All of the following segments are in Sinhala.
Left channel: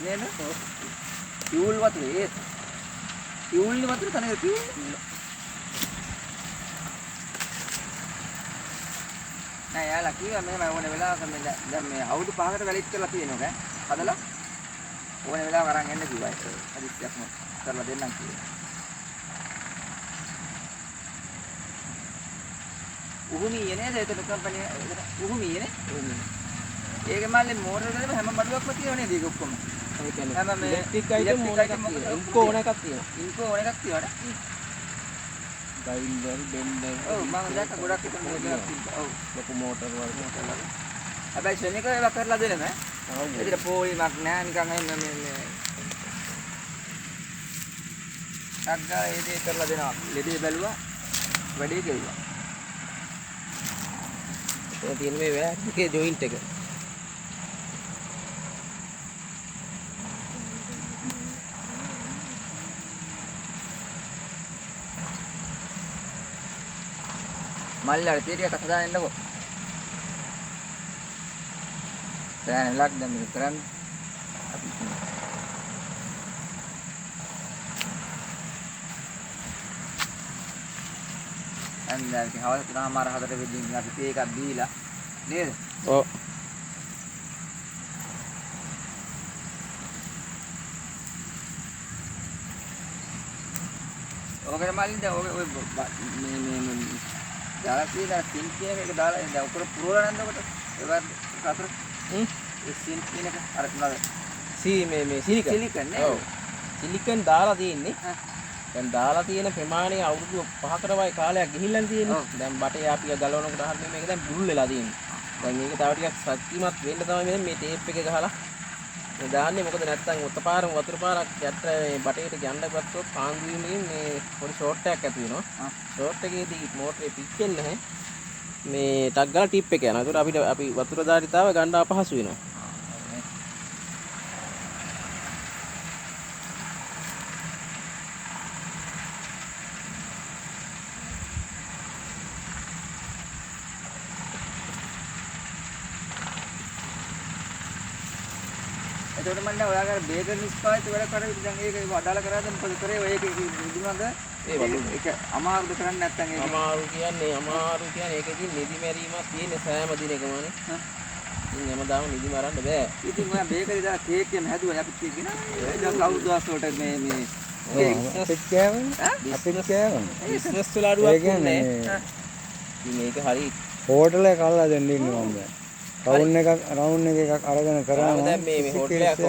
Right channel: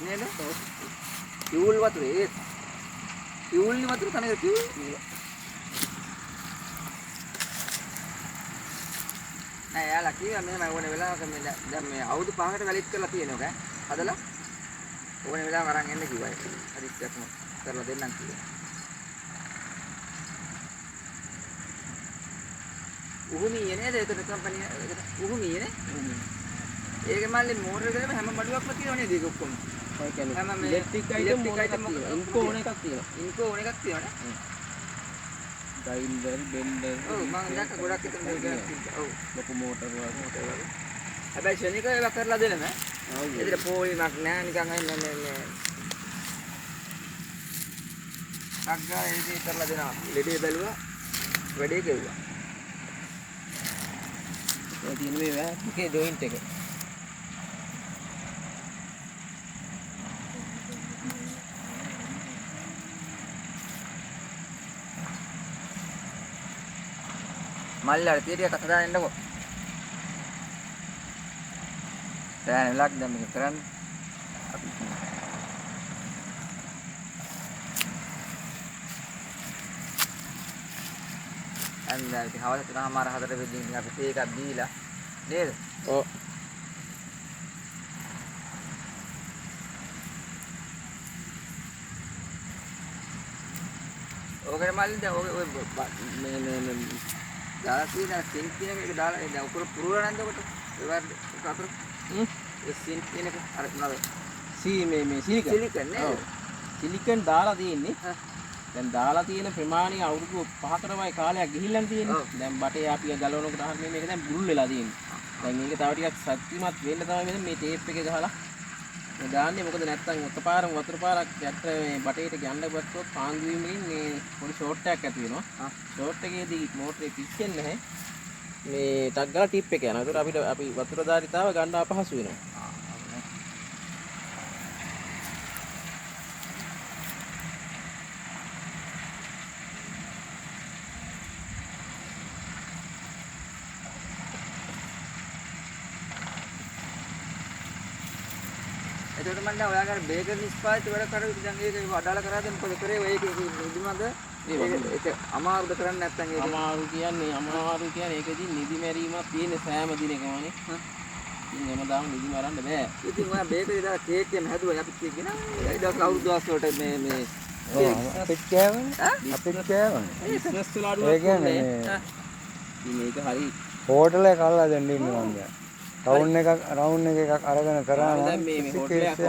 නේද? ටියුල් වතුර ඒ ටියුල් වතුර තනක ටියුල් නෑ යාලා කිව්වා මෙහෙම ඕනේ වෙලාවක මේ දැන් මේ අවුරුදු 5කට වැලිට් කරලා තියෙනවා හදලා ඕනේ වෙලාවක අරන් එන්න කිව්වා ඒක හදිස්සියක්ම කරලා දෙන්නම් කිව්වා උහුමියේ නේද ඒකට කම්පැනි උහුමියේ නේ ඒකේ මල්ලේ මෝටර දෙන්න හැම මඩුවක්ම තියෙනවා නේද ඒක ඔක්කොම ඔය කියන්නේ හැම මේ ඉලෙක්ට්‍රික් අයිටම් ඉන්කෝ ඕන එකක් තියෙනවා ඩයිල් වල බෙන්ඩර් ඔව් මම දැක්ක ගොඩක් හිටන් මේක තියෙනවා ඔව් ලොකු මෝටර වල හැබැයි ෂෙනික ඒවා කරලා දෙන්නේ නැහැ ඒකට පොලිමක් නැහැ නිකන් මේ අග්ගා ඒකේ කරලා දෙනවා ලෙඩේ බැලුවා වැඩේ කෙරුවා ඒ තියෙන මේ එකේ ජොයින්ට් එක මල්ලාට තීරියක් හදාගෙන ඉන්නකෝ. දැන් ලක් දැන් මේක කරන්න. අපි අන්දල් ඉතින් හවස 3:00මාර 4ට වෙද්දී ඉතින් අපි තේ එකක් දීලා නේද? ඔව්. ඔකට මල්ලි දැන් ඔය මේ දාලා තියෙන සින් කියන එක දාලා දැන් උඩ පුරවලා නැන්ද ඔකට ඒවත් අතර ඒ සින් කියන එක අර නේද මේ සිලිකන් නේ ඔව් සිලිකන් දාලා තියෙන්නේ දැන් දාලා තියෙන ප්‍රමාණය අවුරුදු 5කට වගේ කාලයක් ගිහිල්ලා තියෙන්නේ දැන් බටේ අපි ගලවනකොට අහන්නේ මේක දැන් බුල් වෙලා තියෙන්නේ දැන් මේක තව ටිකක් ශක්තිමත් වෙන්න තමයි මේ ටේප් එක ගහලා මේ දාන්නේ මොකද නැත්තම් උත්පාරම වතුර පාරක් යටට මේ බටේට ගන්න ගත්තොත් පාන්දු වීමකින් මේ පොඩි ෂෝට් එකක් ඇති වෙනවා ෂෝට් එකේදී මෝටරේ පිච්චෙන්නේ නැහැ මේ ටක් ගාලා ටිප් එක යනවා ඒකට අපිට අපි වතුර ධාරිතාව ගන්න අපහසු වෙනවා එතකොට මම දැන් ඔයාගේ බේකර් නිෂ්පාදිත වැඩ කරුවොත් දැන් ඒක අදාළ කරාද මොකද කරේ ඔය ඒක නිදිමඟ ඒක අමාරුද කරන්නේ නැත්නම් ඒක අමාරු කියන්නේ ඒකෙදි නිදි මැරීමක් තියෙන සෑම දිනකමනේ ඉතින් හැමදාම නිදි මරන්න බෑ ඉතින් ඔයා බේකරි දාලා කේක් එකම හැදුවා අපි කේක් ගෙනා ඒ දවස් දවස් වලට මේ අපිට කෑවනේ බිස්නස් වල අඩුවක් නෑ මේක හරි හෝටල් එක අල්ලලා දෙන්න ඉන්නවා දැන් රවුන්ඩ් එකක් අරගෙන කරා නම් දැන් මේ හොටලයක්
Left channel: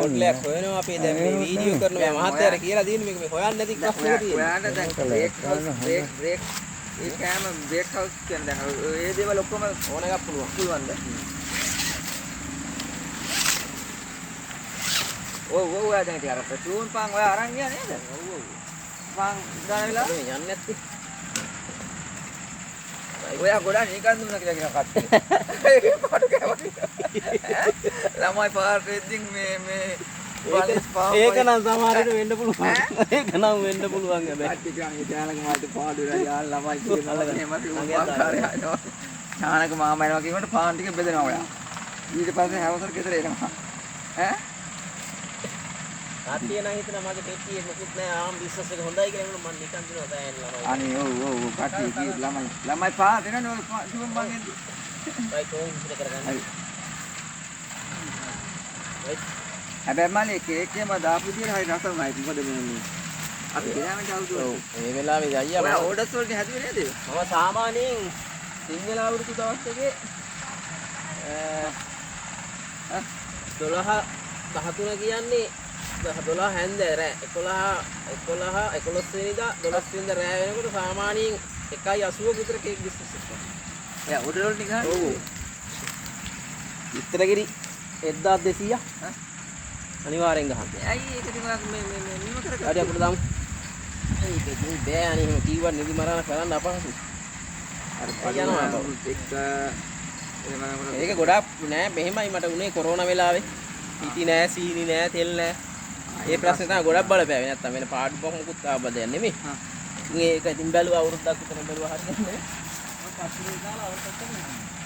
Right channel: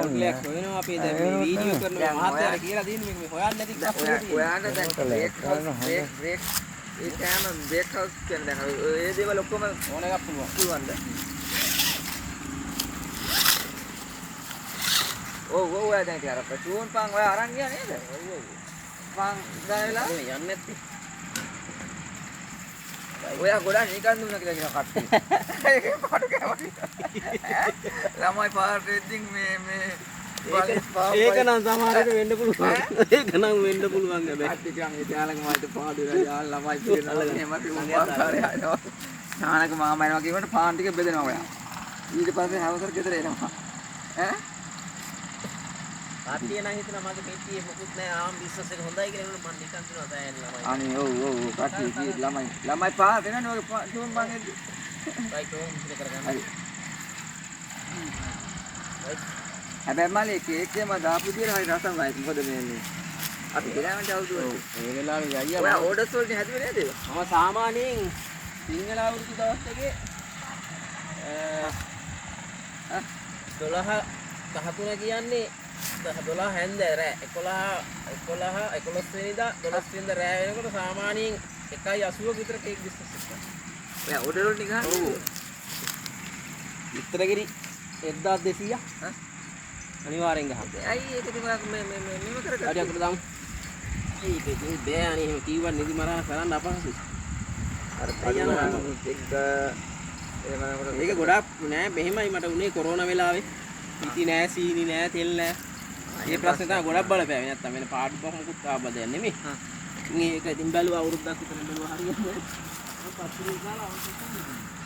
හොයනවා අපි දැන් මේ වීඩියෝ කරනවා මහත්තයාට කියලා දෙන්නේ මේක හොයන්න නැති කස්ටමර් ඔයාට දැන් බ්‍රේක් ඒ කෑම බ්‍රේක් හවුස් කියන්නේ දැන් ඒ දේවල් ඔක්කොම ඕන එකක් පුළුවන්ද ඔව් ඔයා දැන් ඉතින් අර චූන් පාන් ඔයා අරන් ගියා නේද ඔව් පාන් දාන වෙලාව යන්නේ නැත්තේ ඔයා ගොඩක් නිකන් දුන්නා කියලා කියන කප්පේ. ඒකේ පාඩු කෑවා. ළමයි පාට ඉතින් මේ ඒක නම් සමහරට වෙන්න පුළුවන්. ඒක නම් වෙන්න පුළුවන් හැබැයි. ඇත්ත කියන්නේ යාළගේ මාට පාඩු වෙලා යාළ ළමයි ඉතින් අල්ලගෙන ඥානක මාමා එනවා කියනකොට පාන් ටික බෙදෙනවා ඔයා. ඊට පස්සේ හැවසර ගෙදර එනවා. ඈ? කට්ටිය නම් හිතන මගේ පෙට්ටියේ මොකුත් නෑ ආම් බිස්නස් එක හොඳයි කියලා මම නිකන් දෙනවා බෑන් ළමයි. අනේ ඔව් කට්ටිය කී ළමයි පාස් දෙනවනේ ඔය තුන් මං එද්දි. බයි කොහොමද ඉතින් කරගන්නේ? හැබැයි මල්ලේ කේක් එකම දාපු විදියට හරි රසමයි. මොකද මේ අපි ගෙනාවට අවුරුදු වලට. මේ වෙලාවේ අයියා ඔයා ඕඩර්ස් වලට හැදුවේ නේද? ඔය සාමාන්‍යයෙන් සිංහල අවුරුදු දවස් එකේ 12 13 කියන්නේ 12 හැන්දෑ රෑ 11 වෙනිදා 12 වෙනිදා රෑ වෙනකොට සාමාන්‍යයෙන් 1.80 විතර කේක් බිස්නස් එක. ඔයා ඕඩර් වලට ගහන්නේ? ඔව්. ඉතරගිරි 1200 අනිවාර්යෙන් ගහන්න. ඇයි ඒක ඉතින් ඔයා මෙම කරගත්තා? හරි අපිට දාමු. ඒක ඉතින් බෑ අනේ එහෙම කීවත් නිදි මරණ කරන්න අපහසුයි. අර පඩුවනුත් එක්ක එහෙම නේද? ඒක ගොඩක් නෑ මෙහෙමයි මට උනේ කොරෝනා වෙලාවේ. පිටි නෑ සීනි නෑ තෙල් නෑ. ඒ ප්‍රශ්නේ තමයි ගොඩක් බලපෑවේ නැත්තම් වෙන පාඩු පහමුකුත් ආබදයක් නෙමෙයි. ඉතින් ඒක ඉතින් බැලුවා අවුරුද්දක් විතර බැලුවා හරියන්නේ නෑ.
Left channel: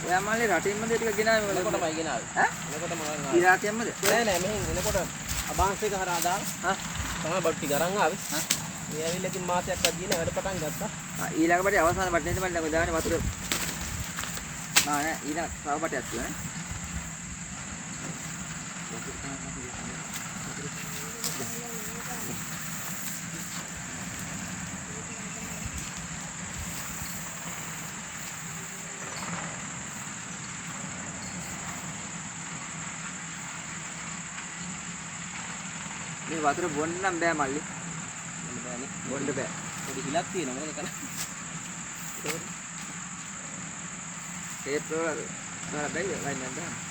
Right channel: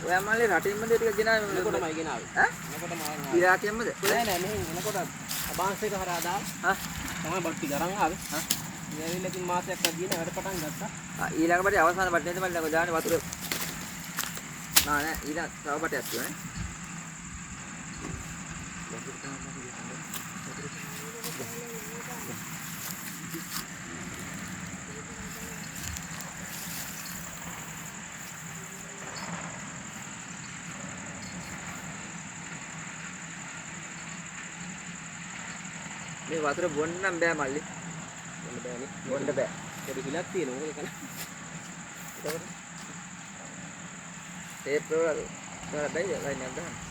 ඔය අම්මලේ රටින්මද ටික ගෙනාවේ මොකටමයි ගෙනාවේ? ඈ? මොකටම ඉරාකයෙන්මද? නෑ මෙහෙන් එනකොට අබාන්ස් එක හරහා දාලා හා තමයි බඩු ටික අරන් ආවේ. හා මේ ඇවිල්ලා ඉතින් මාසයක් අදින වැඩ පටන් ගත්තා. ඊළඟ බඩේ අවසාන බඩේ තමයි දැන් ඔය දාන්නේ වතුර නෑ ඊළඟ තව බඩයක් තියෙනවා නේ මේ වතුර බොන්න නම් බෑ මල්ලි බොන්න බෑ පොඩි හිලක් තියෙනවා මොකද කරන්නේ ඒකවල ඒ ප්‍රෝග්‍රෑම් වල බැයි ලයින් එක දාන්න